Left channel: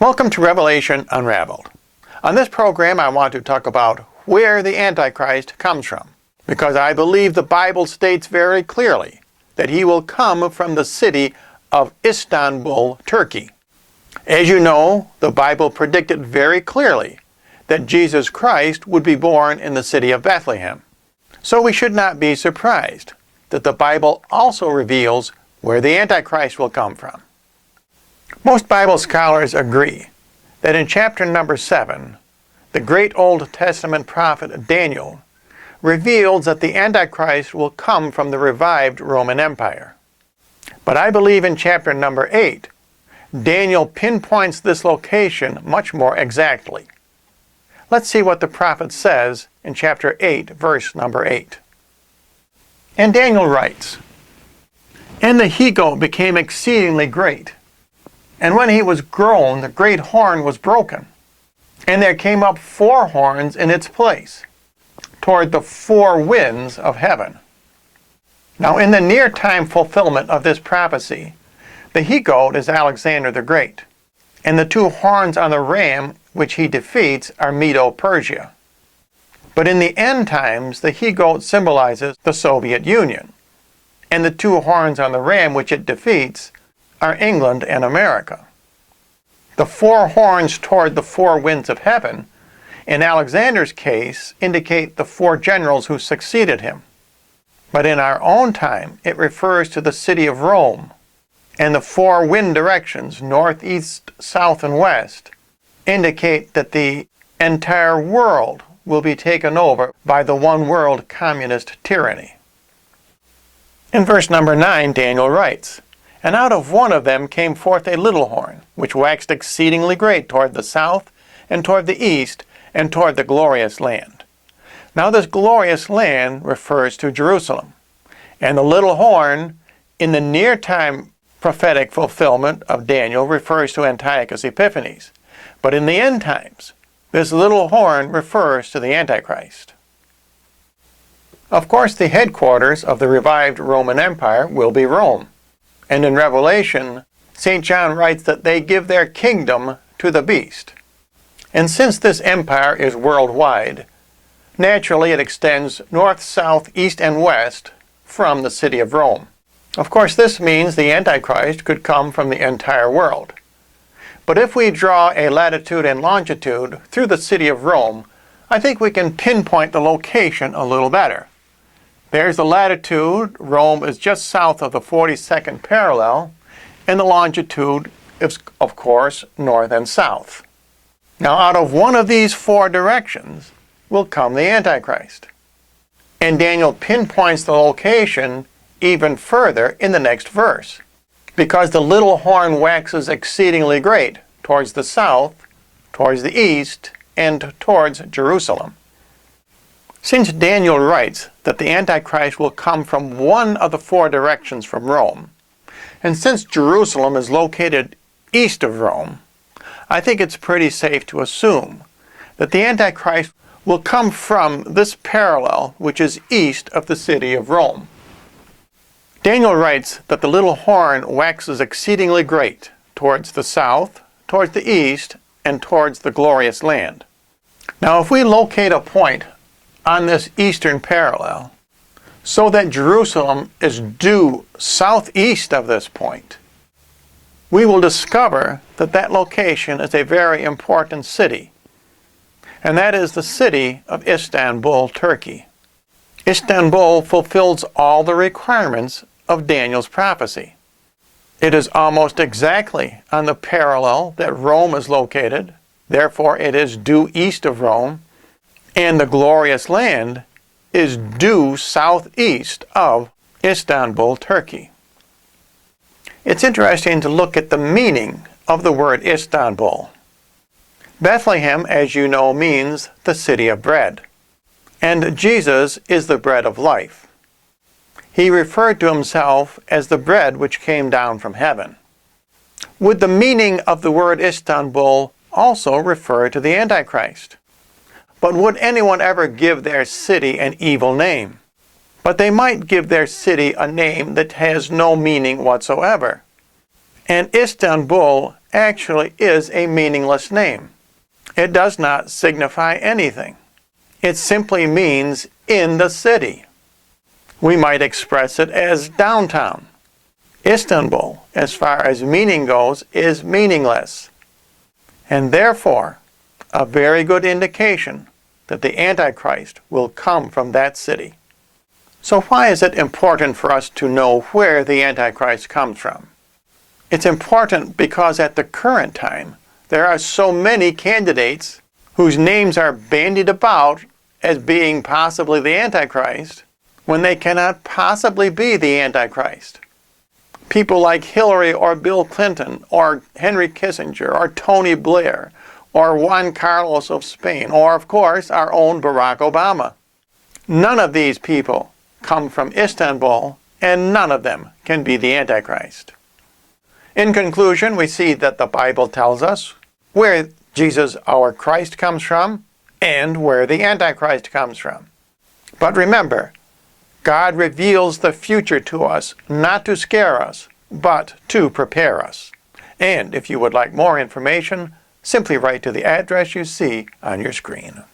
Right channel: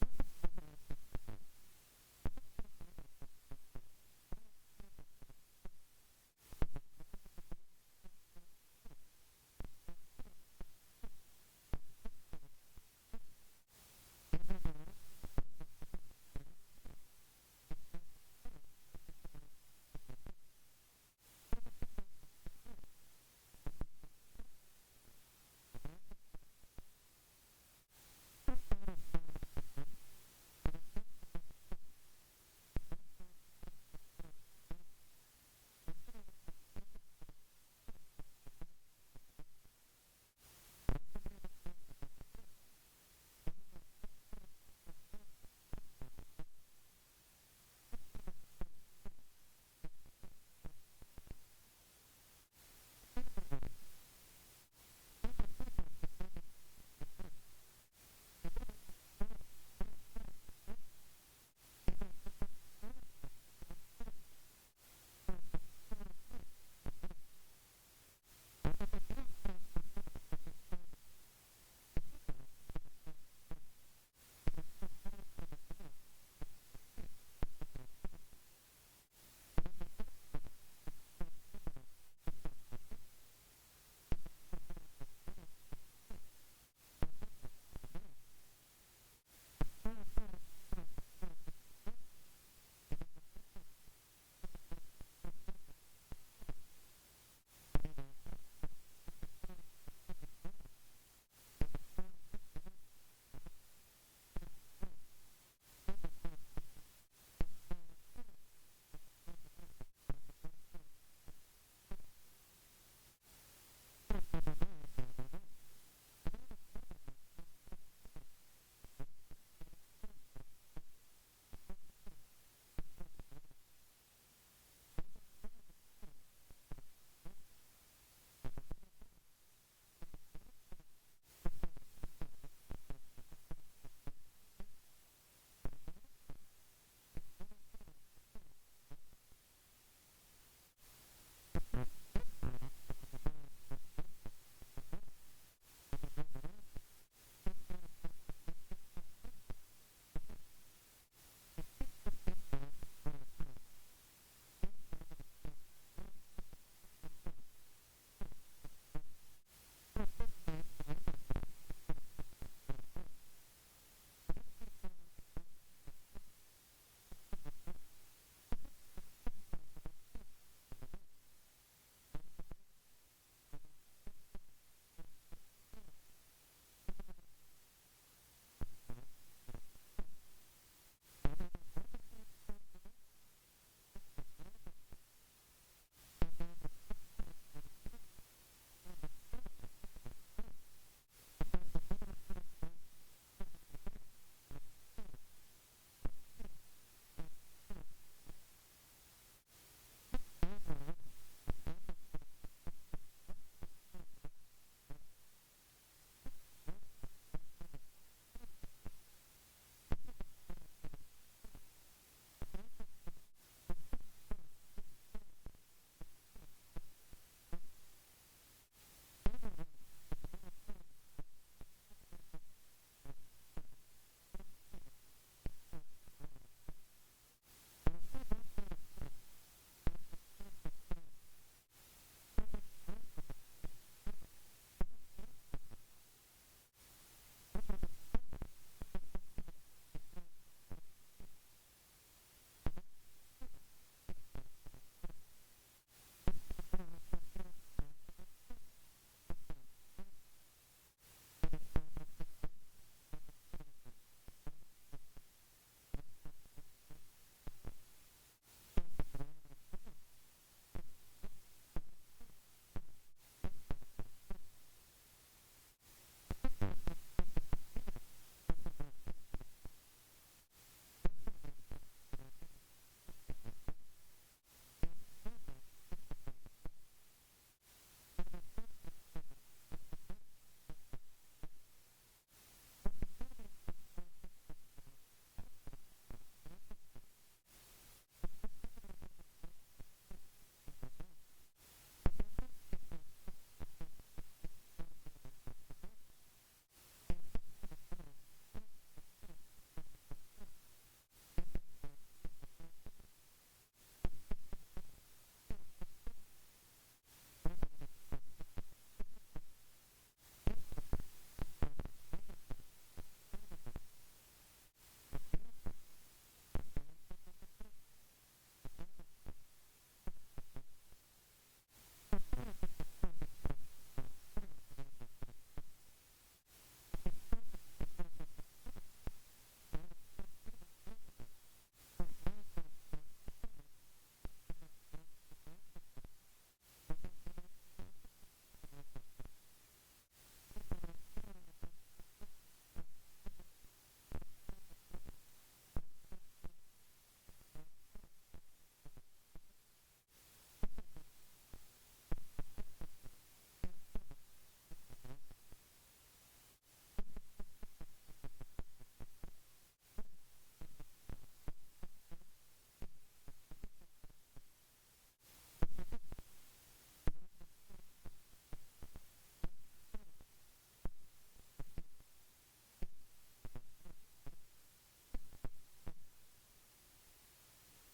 Welcome to Revelation Unraveled. On this program, I want to talk about where the Antichrist comes from, because I believe the Bible states very clearly that he will come from the city of Istanbul, Turkey. As you know, the Bible predicted very clearly that Jesus Christ would be born in the city of Bethlehem. So we should not be surprised that the Bible also reveals where the Antichrist will come from. Most Bible scholars agree that in chapter number 7, the great Old Testament prophet Daniel reveals that the Antichrist will come from the revived Roman Empire. But I believe in chapter number 8, Daniel pinpoints this location much more exactly. Let's see what the prophet says in chapter 8, verse number 8. And Daniel writes, "And the he-goat became exceedingly great. And when he was grown, the great horn was broken. And there came up 4 horns in its place, toward the 4 winds of heaven." Now in the near-time fulfillment of this prophecy, the he-goat is Alexander the Great, and the 2 horns on the ram which he defeats are Medo-Persia. But in the end times, the he-goat symbolizes the Soviet Union, and the 2 horns on the ram which it defeats are England and America. The 4 horns toward the 4 winds of heaven, in Alexander's case, indicate the 4 generals who succeeded him. But in our own time, it refers to the city of Rome, and the 4 wind directions, north, east, south, and west, indicate that the entire world will be taken over by the one-world communist tyranny. In verse number 9, Daniel writes, "And out of one of them came forth a little horn, which waxed exceedingly great toward the south, and toward the east, and toward the glorious land." Now this glorious land refers to Jerusalem, and the little horn, in the near-time prophetic fulfillment of Daniel, refers to Antiochus Epiphanes. But in the end times, this little horn refers to the Antichrist. Of course, the headquarters of the revived Roman Empire will be Rome. And in Revelation, St. John writes that they give their kingdom to the beast. And since this empire is worldwide, naturally it extends north, south, east, and west from the city of Rome. Of course, this means the Antichrist could come from the entire world. But if we draw a latitude and longitude through the city of Rome, I think we can pinpoint the location a little better. There's the latitude. Rome is just south of the 42nd parallel, and the longitude is, of course, north and south. Now, out of one of these 4 directions will come the Antichrist. And Daniel pinpoints the location even further in the next verse, because the little horn waxes exceedingly great towards the south, towards the east, and towards Jerusalem. Since Daniel writes that the Antichrist will come from one of the 4 directions from Rome, and since Jerusalem is located east of Rome, I think it's pretty safe to assume that the Antichrist will come from this parallel which is east of the city of Rome. Daniel writes that the little horn waxes exceedingly great towards the south, towards the east, and towards the glorious land. Now if we locate a point on this eastern parallel so that Jerusalem is due southeast of this point, we will discover that that location is a very important city, and that is the city of Istanbul, Turkey. Istanbul fulfills all the requirements of Daniel's prophecy. It is almost exactly on the parallel that Rome is located, therefore it is due east of Rome, and the glorious land is due southeast of Istanbul, Turkey. It's interesting to look at the meaning of the word Istanbul. Bethlehem, as you know, means the city of bread, and Jesus is the bread of life. He referred to himself as the bread which came down from heaven. Would the meaning of the word Istanbul also refer to the Antichrist? But would anyone ever give their city an evil name? But they might give their city a name that has no meaning whatsoever. And Istanbul actually is a meaningless name. It does not signify anything. It simply means in the city. We might express it as downtown. Istanbul, as far as meaning goes, is meaningless, and therefore a very good indication that the Antichrist will come from that city. So why is it important for us to know where the Antichrist comes from? It's important because at the current time, there are so many candidates whose names are bandied about as being possibly the Antichrist, when they cannot possibly be the Antichrist. People like Hillary or Bill Clinton or Henry Kissinger or Tony Blair or Juan Carlos of Spain or, of course, our own Barack Obama. None of these people come from Istanbul, and none of them can be the Antichrist. In conclusion, we see that the Bible tells us where Jesus, our Christ, comes from and where the Antichrist comes from. But remember, God reveals the future to us, not to scare us, but to prepare us. And if you would like more information, simply write to the address you see on your screen.